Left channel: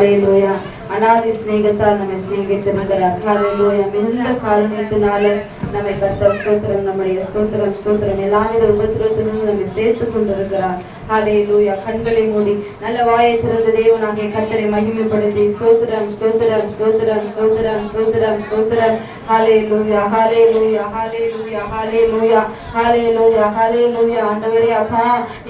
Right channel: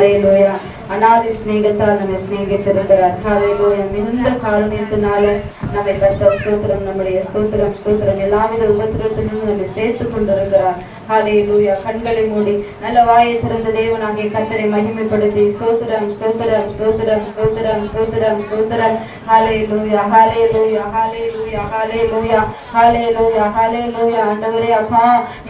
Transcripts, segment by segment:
ஹalleluya அநாதி ஸ்நேகத்தால் நம்மை ஸ்நேகித்திருக்கிறார் ஹalleluya மிகுந்த காரணத்தினால நம்மை கர்த்தர் ஸ்தோத்திரம் நம்முடைய ஸ்தோத்திரம் ஸ்தோத்திரம் எல்லாவித உபத்திரத்திலும் நம்மை சேர்த்து கொண்டிருக்கிறார் ஹalleluya கண்களை மூடி நல்ல வாயை திறந்த தேவனாகிய கத்தரை மகிமைப்படுத்தி ஸ்தோத்திரம் ஸ்தோத்திரம் ஸ்தோத்திரம் ஸ்தோத்திரம் ஸ்தோத்திரம் ஸ்தோத்திரம். ஹாலே லூயா ஹாலே லூயா ஹாலே லூயா ஹாலே லூயா ஹாலே லூயா ஹாலே லூயா ஆண்டவரே அப்பா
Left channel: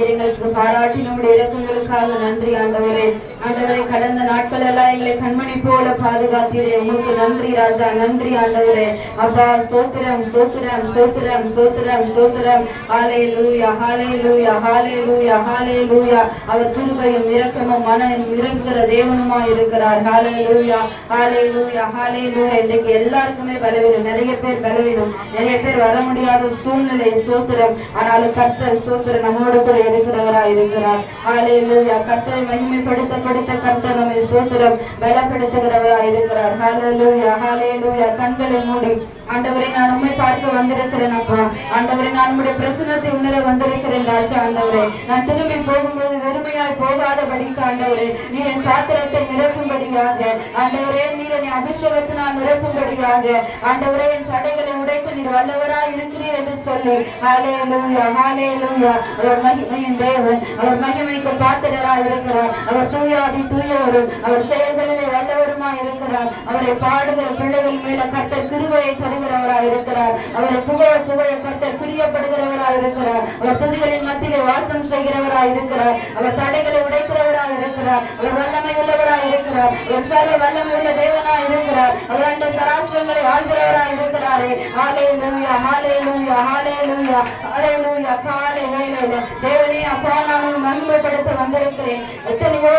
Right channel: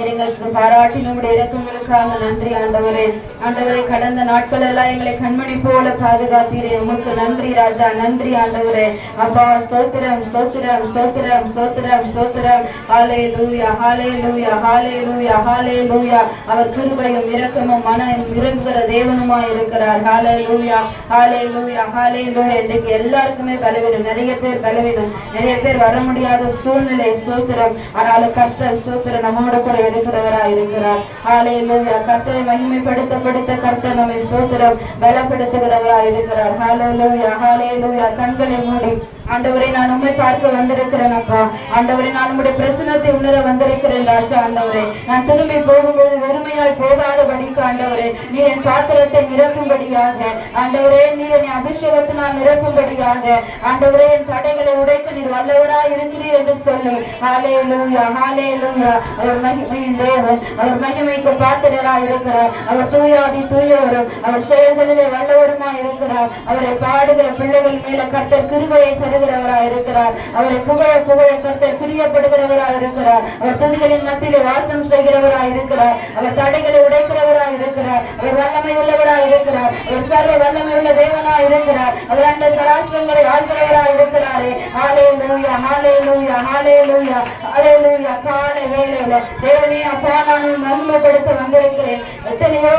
எங்களுக்கு பாராட்டி நம்முடைய இறக்கங்களுக்காக நன்றி ஆண்டவரே. ஆண்டவரே கடந்த நாட்கள் எல்லாம் எங்களை கண்மணி போல பாதுகாத்தீரே. உங்களுக்கு நன்றி ராஜா நன்றி ஆண்டவரே. அப்பா ஸ்தோத்திரம் ஸ்தோத்திரம் ஸ்தோத்திரம் ஸ்தோத்திரம் ஸ்தோத்திரம். ஹாலே லூயா ஹாலே லூயா ஹாலே லூயா ஹாலே லூயா அவர் கிருபையும் இரக்கமும் மனம் இறங்குகிற தேவனுமா இருக்கிறார். ஹாலே லூயா ஹாலே லூயா ஹாலே லூயா இன்றைக்கு எல்லாருக்குமே பலவீனம். நிறைய பேர் பலவீனம். நிறைய பேர் வர முடியாத சூழ்நிலை ஸ்தோத்திரம். ஆனாலும் கர்த்தர் ஸ்தோத்திரம் நம்மோட கூட இருக்கிறவரா இருக்கிறார். ஹாலே லூயா கர்த்தரை மகிமைப்படுத்த படுத்த கர்த்தர் நம்மை ஸ்தோத்திரம். பலப்படுத்துகிறவரா இருக்கிறார். ஹாலே லூயா ஹாலே லூயா கண்களை மூடி ஆண்டவரை நான் உண்மை பார்க்க வந்திருக்கிறேன் அப்பா. ஆண்டவரை நான் உடைய பிரசனத்தை உணர வந்திருக்கிறேன் ராஜா ஆண்டவரே. நான் திரும்பி போகும்போது வெறுமையாய் போகாதபடிக்கு ஆண்டவரே நீர் என் பாத்திரத்தை நிரப்பும்படியாக. ஆண்டவரே நீர் என் அபிஷேகத்தினால் நிரப்பும்படியாக. ஆண்டவரே என் தடைகளை உடைக்க நீர் வல்லவராய் இருக்கிறீர் என்று சொல்லி. ஹாலே லூயா ஹாலே லூயா அவர் மகிமையின் தேவன். அவர் மகிமைக்கு பாத்திரராய் இருக்கிறார். அவர் தூயாதி தூயவரும். அவர் செயல்களிலே வல்லவருமாய் இருக்கிறார். அவரை பாடுகிற பிள்ளைகள் மேல கத்த கிருபையை தருகிறவராய் இருக்கிறார். அவரை புகழ புகழ கர்த்தர் பிரியப்படுகிறவராய் இருக்கிறார். அவர் துணிகளின் மத்தியிலே வாசம் செய்கிறவராய் இருக்கிறார். அவர் தடைகளை உடைக்கிறவராய் இருக்கிறார். அவர் வல்லமை உள்ளவராய் இருக்கிறார். ஒரு சர்வ வல்லமை உள்ள தேவனாய் இருக்கிறார். அவர் அந்த சராசரங்களை ஆள்கிறவராய் இருக்கிறாரே. ஹாலே லூயா ஹாலே லூயா ஹாலே லூயா ஹாலே லூயா காலை வேலையில தேவனே அப்பா நான் உன் மகிமைப்படுத்த வந்திருக்கிறேன். எத்தனையோ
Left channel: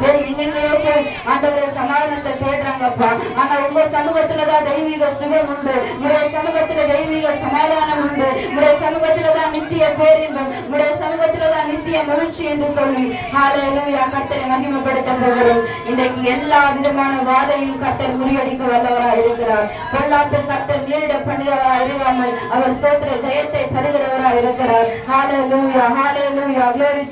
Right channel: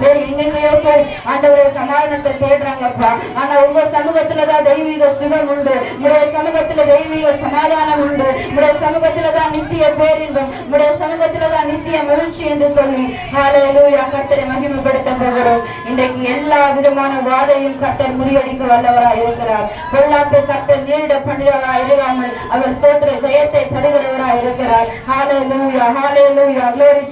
சரி எங்கெங்க போய் ஆண்டவரே சமாதானத்தை தேடுறாங்கப்பா ஆனா உங்க சமூகத்துலதான் தெய்வீக சுகம் உண்டு. உடைய சமூகத்துல தெய்வீக சமாதானம் உண்டு. உடைய சமூகத்துலதான் நித்திய பேரின்பம். உடைய சமூகத்துலதான் நித்திய மகிழ்ச்சி என்று சொல்லி. ஹalleluya. கர்த்தரை மகிமைப்படுத்த போகிறோம். இன்றைக்கு எல்லா விதமான வாதையும் கர்த்தர் முறியடிக்க வல்லவராய் இருக்கிறார். பொல்லாப்பில் கர்த்தர் நேரிட பண்ணிடவராய் இல்லாமல் அவர் சோத்திர ஜெயத்தை தருகிறவராய் இருக்கிறார். ஹalleluya. ஹalleluya. Glory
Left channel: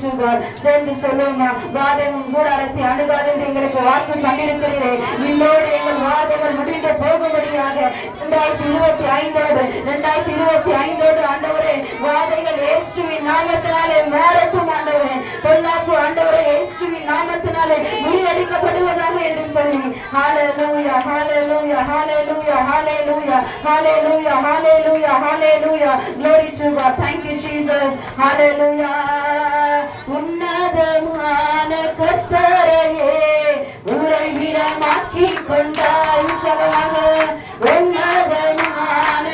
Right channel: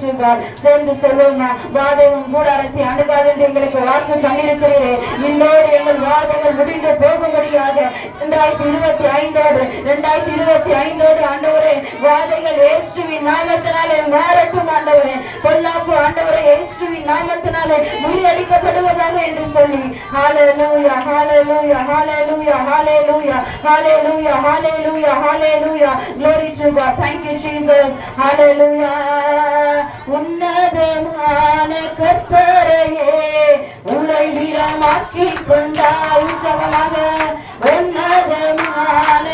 சேர்ந்து சொல்லுமா வாதை உன் கூடாரத்தை அணுகாது என்று எங்களுக்கு வாக்கு பண்ணியிருக்கிறீரே இல்லோடு எங்கள் வாதங்கள் முடிந்து போகும்படியாக இரண்டாயிரத்தி இருபத்தி ஐந்தோடு இரண்டாயிரத்தி இருபத்தி ஐந்தோடு ஆண்டவரே வாதைகள் இயேசுவின் நாமத்தினாலே மாறட்டும் ஆண்டவரே. பொல்லாப்பு ஆண்டவரே இயேசுவின் நாமத்தினாலே முறியடிக்கப்படுவதாக என்று சொல்லி ஹalleluya hallelujah hallelujah hallelujah hallelujah hallelujah hallelujah glory to God. Thank you Jesus. hallelujah உன்னதமான கர்த்தர் உரையாரையே உரை விடமாக்கி கொண்டாய் உற்சகமாக உன்னதமான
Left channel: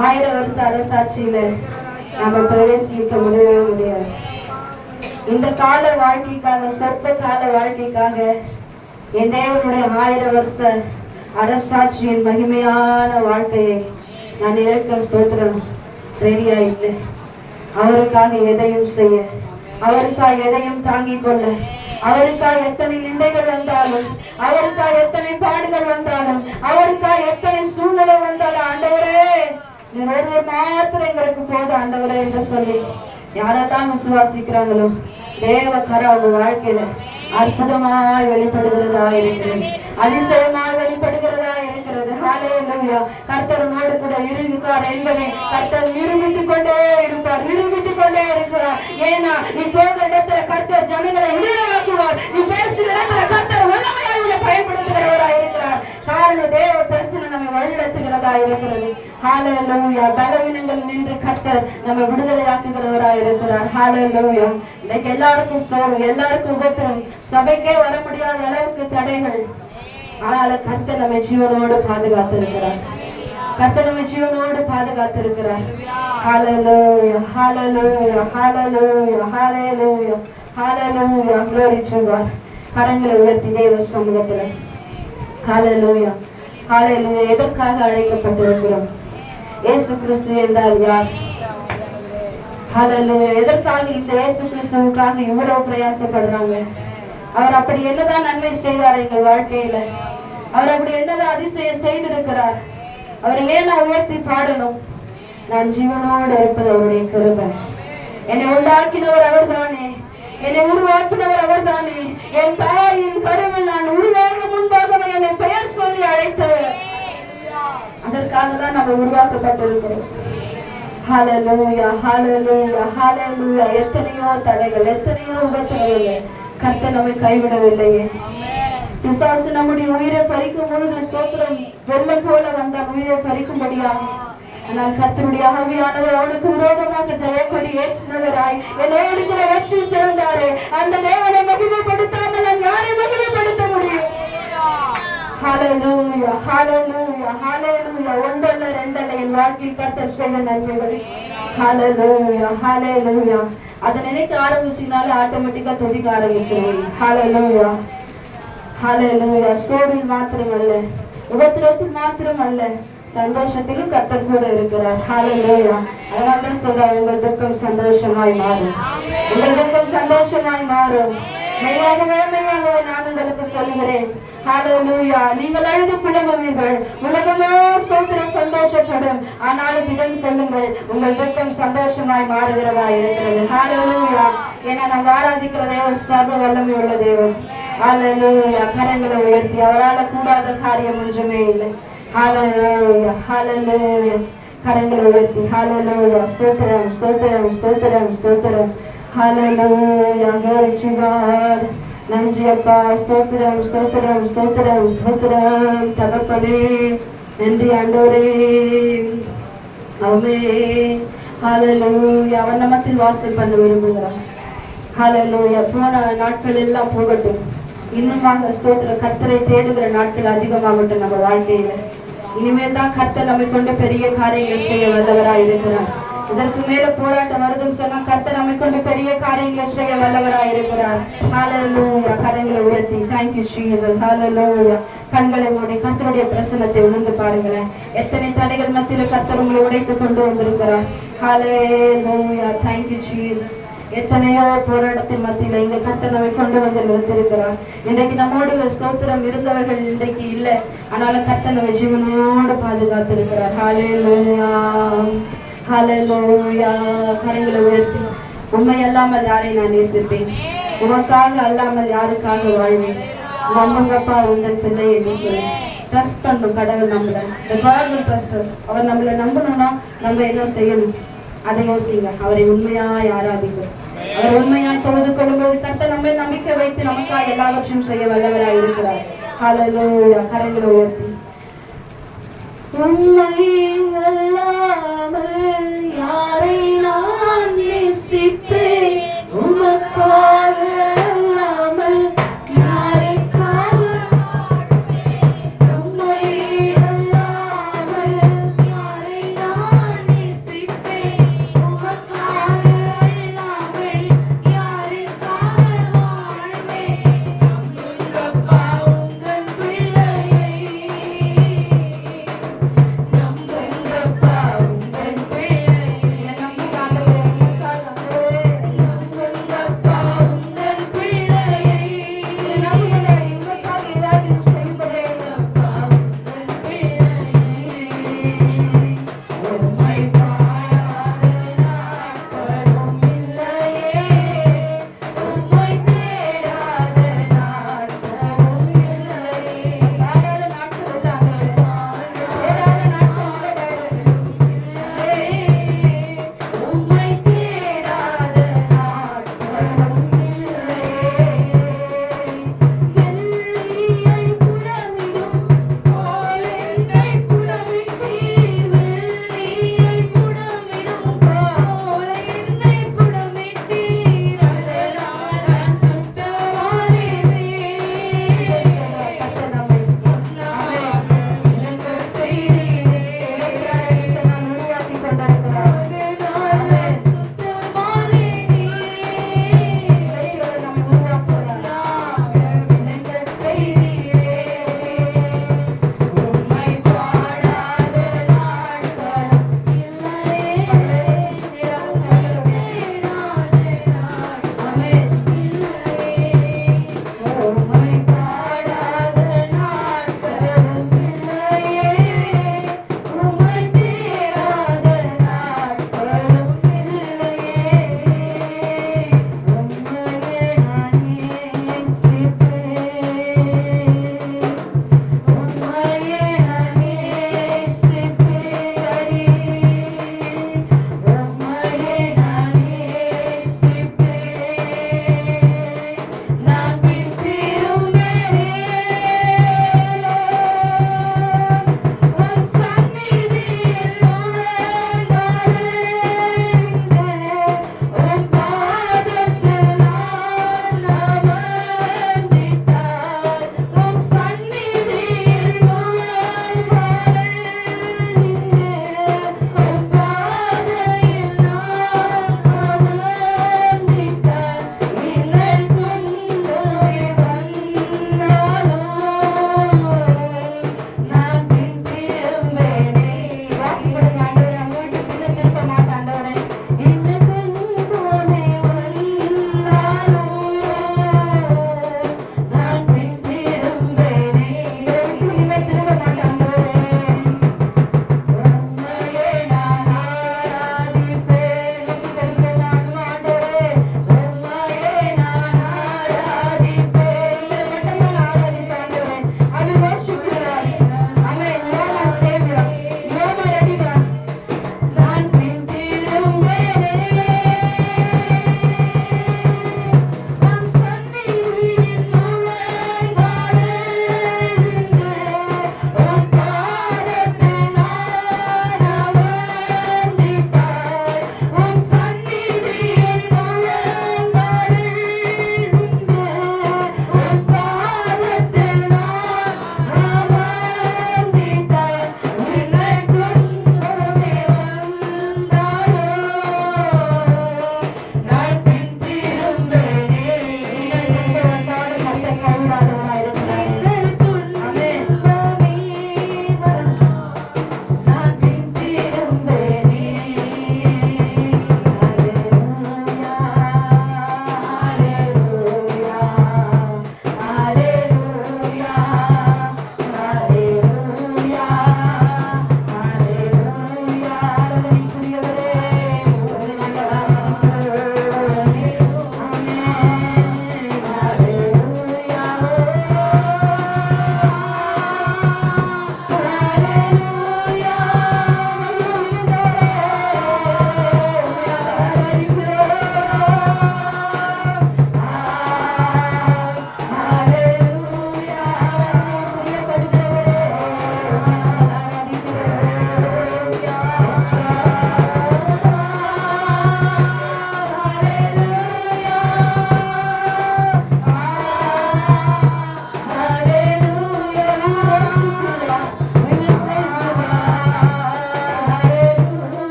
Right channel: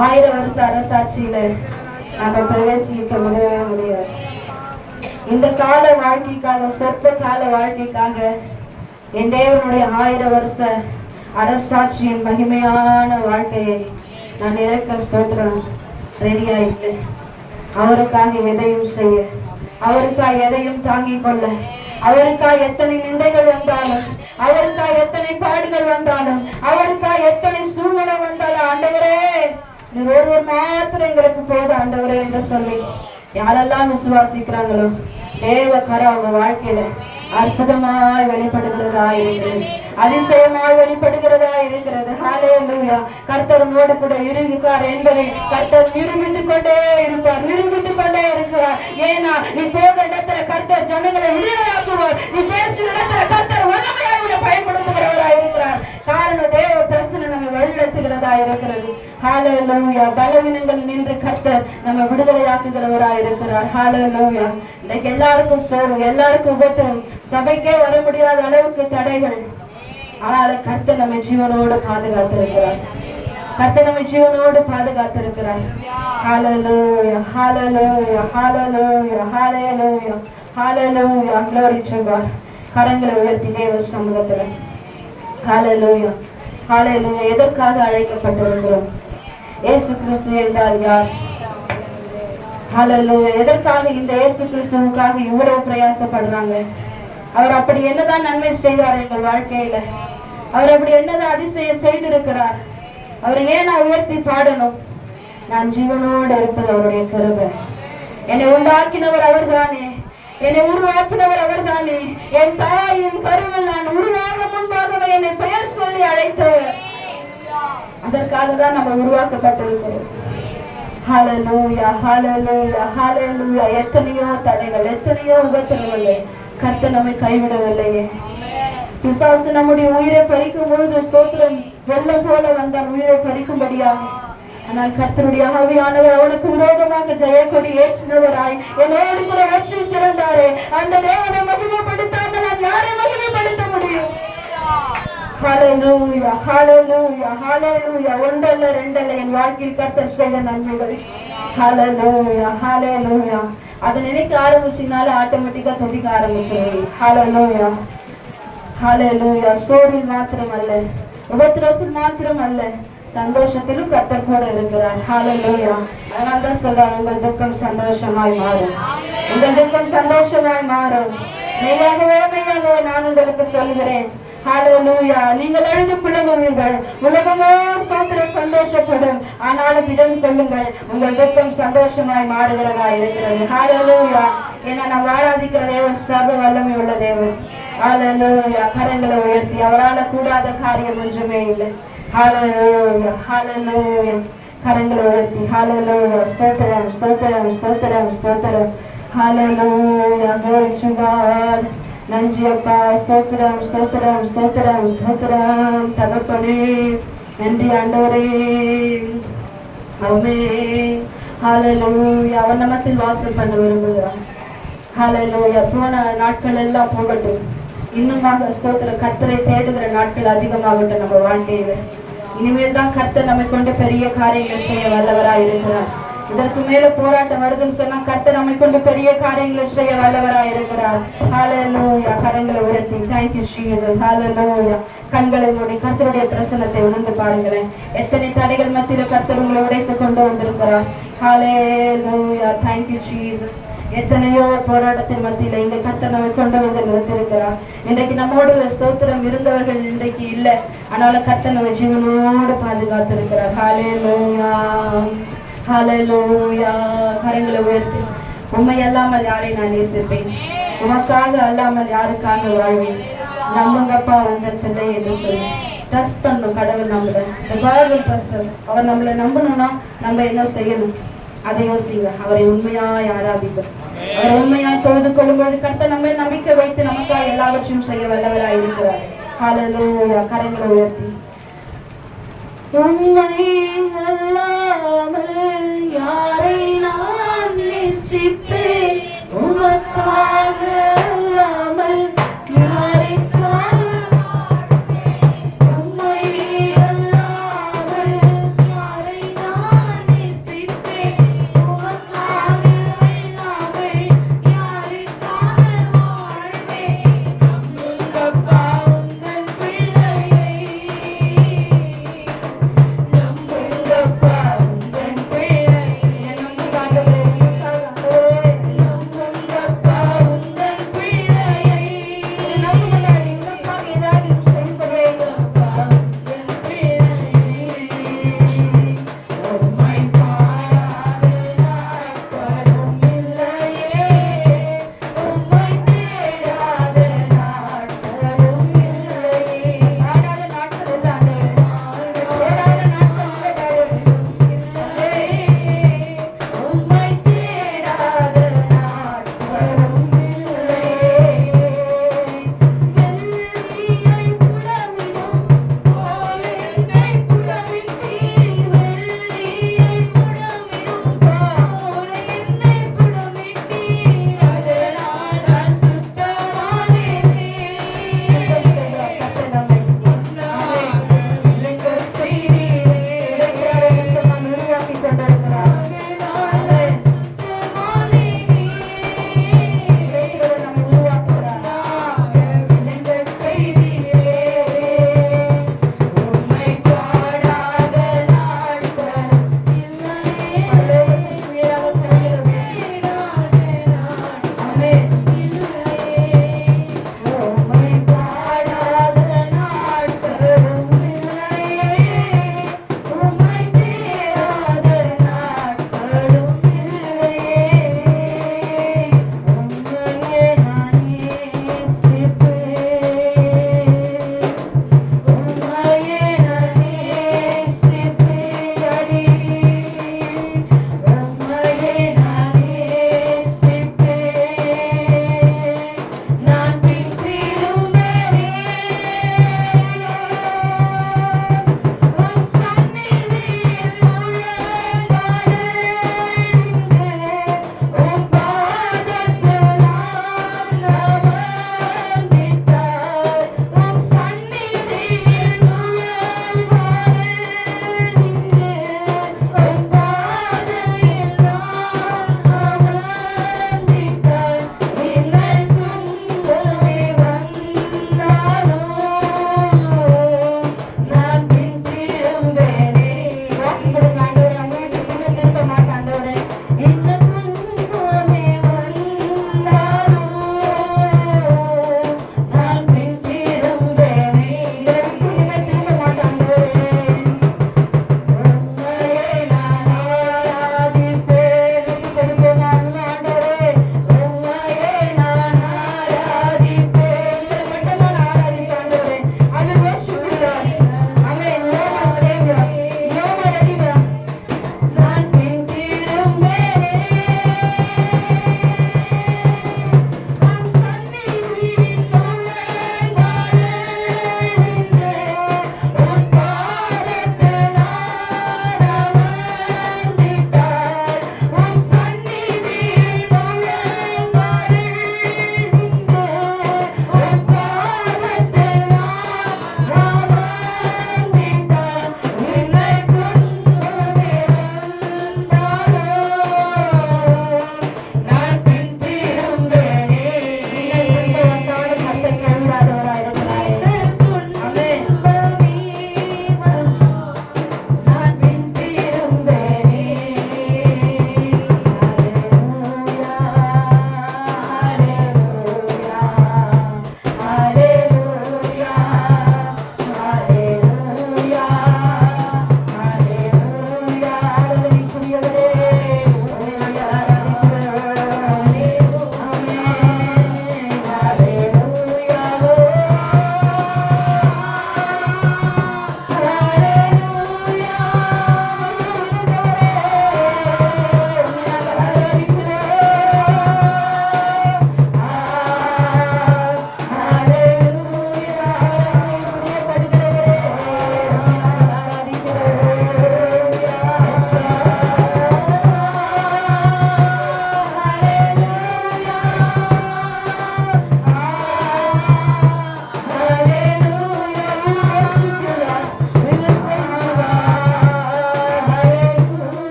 ஆயிரம் வருஷ அரசாட்சியில நாம பிரவேசிக்க முடியவே முடியாது இந்த கால வாழ்க்கைக்காக சொற்ப கால வாழ்க்கைக்காக என் தேவனுடைய ஆயிரம் வருஷ அரசாட்சியின் மகிமையான வாழ்க்கையை நான் இறக்க ஸ்தோத்திரம் ரெடியா இல்லை. அவருக்காக எதையும் செய்ய அவருக்காக எதையும் தாங்கிக் கொள்ள அவருக்காக எத்தனை நிந்தைகள் வந்தாலும் அவருக்காக எத்தனை பாடுகள் வந்தாலும் அவருக்காக எத்தனை சூழ்நிலை வந்தாலும் ஆண்டவரே நீர் ஒருவர் மாத்திரம் எங்களுக்கு போதும் ஆண்டவரே என்று சொல்லி யாரெல்லாம் விசுவாசிக்கிறாங்களோ தேவ கரை அவங்க வாழ்க்கையில அற்புதமாய் வெளிப்படுகிறதா இருக்கிறது அதிசயமாய் வெளிப்படுகிறதா இருக்கிறது. ஹalleluya. கர்த்தர் மோடு கூட இருக்கார் என்பதை கர்த்தர் நிரூபித்துக் கொண்டே இருப்பார் நிரூபித்துக் கொண்டே இருக்கிறார். ஏன்னா நீ போகிற இடத்துல கர்த்தர் ஜனங்களை விடுதலாக்குவார் நீ பேசுகிற இடத்துல கர்த்தர் வல்லமையாய் பயன்படுத்த நம்மை வழிநடத்துகிறதா இருக்கிறது ஹalleluya பலவீனங்கள் நின்று கர்த்தர் நம்ம விடுதலையாக்குகிறவரா இருக்கிறார் ஹalleluya இன்னைக்கு எல்லாருக்கும் சோர்வு எல்லாருக்கும் உபத்திரம். சபைக்கே வர முடியாத அளவுக்கு தடைகள். ஆனால் கர்த்தர் நம்ம ஜீவனோடு பாதுகாத்திருக்கிறார். கர்த்தர் நம்ம ஜீவனோடு பாதுகாத்திருக்கிறார். ஹalleluya ஹalleluya ஹalleluya ஹalleluya ஹalleluya glory to கரங்களை உயர்த்தி தேவ சமூகத்துல. ஹalleluya காலையில் எதற்காக அழைக்கப்பட்டிருக்கிறோம்? இயேசு கிறிஸ்து என்றால் யார்? எதற்காக இந்த இயேசு கிறிஸ்துவுக்காக இவ்வளவு பிரயாசப்படுறாங்க? அவர் அப்படி என்னதான் நன்மை செய்தார் எங்கள் வாழ்க்கையில? அவர் அப்படி என்னதான் அதிசயம் செய்திருக்கிறார்? அவரை ஏன் நான் உயர்த்தி பாடணும்? நான் ஜீவனோடு இருப்பது அவருடைய கருவை என்னை உண்டாக்கினவர் அவர்தானே? என்னை உருவாக்கினவர் அவர்தானே? என் தாயின் கருவில் நான் உருவாக முன்பாகவே என்னை பெயர் சொல்லி அழைத்தவர். அதற்காக தான் நம்ம உருவாக்கப்பட்டிருக்கிறோம். ஹalleluya ஹalleluya ஹalleluya. எத்தனையோ தடைகள் எத்தனையோ உபத்திரங்கள் கர்த்த நம்மை கைவிடவில்லையே. பிசாசு நம்முடைய உயிரை பறிக்கும் பொழுது ஸ்தோத்திரம் வெள்ளம் போல வந்தான் உயிரை பறிக்கும்படியாக. ஆனால் கர்த்தருடைய ஆவியானவர் அவனுக்கு விரோதமாக ஜெயக்கொடி ஏற்றினவராய் என்னோடு கூட வெற்றி சிறந்தாரே. அந்த தேவனை மகிமைப்படுத்த நாம் யாரை மகிமைப்படுத்த முடியும் ஹalleluya ஒன்றல்ல ரெண்டல்ல என் வாழ்க்கையில் கர்த்தர் செய்த நன்மைகள். ஹalleluya ஹalleluya அதை நினைக்க ஆட்டோமேட்டிக்கா துதிக்க மாத்திரம் அல்ல. உபத்திரத்தில் மாத்திரம் அல்ல. சந்தோஷத்திலும் கத்தர் கூட இருக்கிறார். ஹalleluya அதனால தான் உங்கள் துக்கம் சந்தோஷமாய் மாறும். உங்கள் துக்கம் சந்தோஷமாய் மாறும். மெய்யாகவே மெய்யாகவே நான் உங்களுக்கு சொல்கிறேன் ஹalleluya நீங்கள் அழுது புலம்புவீர்கள். உலகமோ ஸ்தோத்திர சந்தோஷப்படும். ஆனாலும் திடன் கொள்ளுங்கள். உங்கள் துக்கம் சந்தோஷமாய் மாறுகிறதா இருக்கிறது. ஹalleluya ஏன்னா நாம் ஆராதிக்கிற தேவன் சர்வ வல்லமை உள்ள தேவன். ஹalleluya கரங்களை உயர்த்தி அவரால் கூடாத காரியம் ஒன்றுமே இல்லை. ஹalleluya ஹalleluya கரங்களை உயர்த்தி. ஹalleluya ஸ்தோத்திரம் ஸ்தோத்திரம் ஸ்தோத்திரம் ஸ்தோத்திரம். ஹalleluya glory to God. நன்றி அப்பா ஸ்தோத்திரம் ஸ்தோத்திரம் ஸ்தோத்திரம் ஸ்தோத்திரம் தகப்பனே நன்றி ஆண்டவரே ஆமே ஹalleluya அவன் நமத்தில் வாசல் பண்ண விரும்புகிறான் ஹalleluya போன நாட்கள் எல்லாம் போகட்டும். இன்னுமாக ஸ்தோத்திர கத்தரை தேடுகிற நாட்கள் அதிகமாகட்டும் நம்ம வாழ்க்கையில. இனிமேல் தான் கர்த்தர் நம்மை கொண்டு பெரிய காரியங்களை செய்ய வல்லவராக இருக்கிறார் இதற்கு மேல போராட்டம் வருதுன்னு சொன்னா கர்த்தர் நம்மை கொண்டு பெரிய காரியங்களை செய்ய வல்லவராய் இருக்கிறார். ஹalleluya கரங்களை உயர்த்தி. Thank you you jesus. கண்களை மூடி கர்த்தருடைய பிரசன்னத்தை உணர்ந்து பாருங்களேன். எத்தனை தடைகள் மத்தியில கர்த்தர் உங்களை உடைத்து கொண்டு வந்திருக்கிறார். ஹalleluya தேங்க்யூ you எத்தனையோ போராட்டத்தின் மத்தியில இங்க கர்த்தர் நம்மை கொண்டு வந்து நிறுத்திருக்கிறார் இன்றைக்கு நம்மோடு ஸ்தோத்திரம் இருந்தவர்கள் இன்றைக்கு இல்லை. ஆனாலும் கர்த்தர் நம்ம ஜீவனோடு பாதுகாத்திருக்கிறார். ஹalleluya ஹalleluya கரங்களை உயர்த்தி. உண்மை அல்லாமல் யாரை நான் நேசிப்பேன்? உமக்காக அல்லாமல் யாருக்காக வாழ்வேன்? நம்புங்கப்பா உங்கள் பிள்ளை என்று சொல்லி. ட்ரஸ்ட் பண்ணும் கடவுள் நம்மளை. The God will trust us. அவர் நம்மளை நம்பணும்னா நம்ம என்ன செய்யணும்? அதை யோசிங்க. அவரை உண்மையாய் ஆராதிக்கும் அவர் உண்மையாய் தொழுது கொள்ளும்போது கர்த்த நம்ம நம்பிக்கை வைத்து நமக்காக எல்லாவற்றையும் செய்ய வல்லவராய் இருக்கிறார். காலையில் கரைகளை உயர்த்தி. உண்மை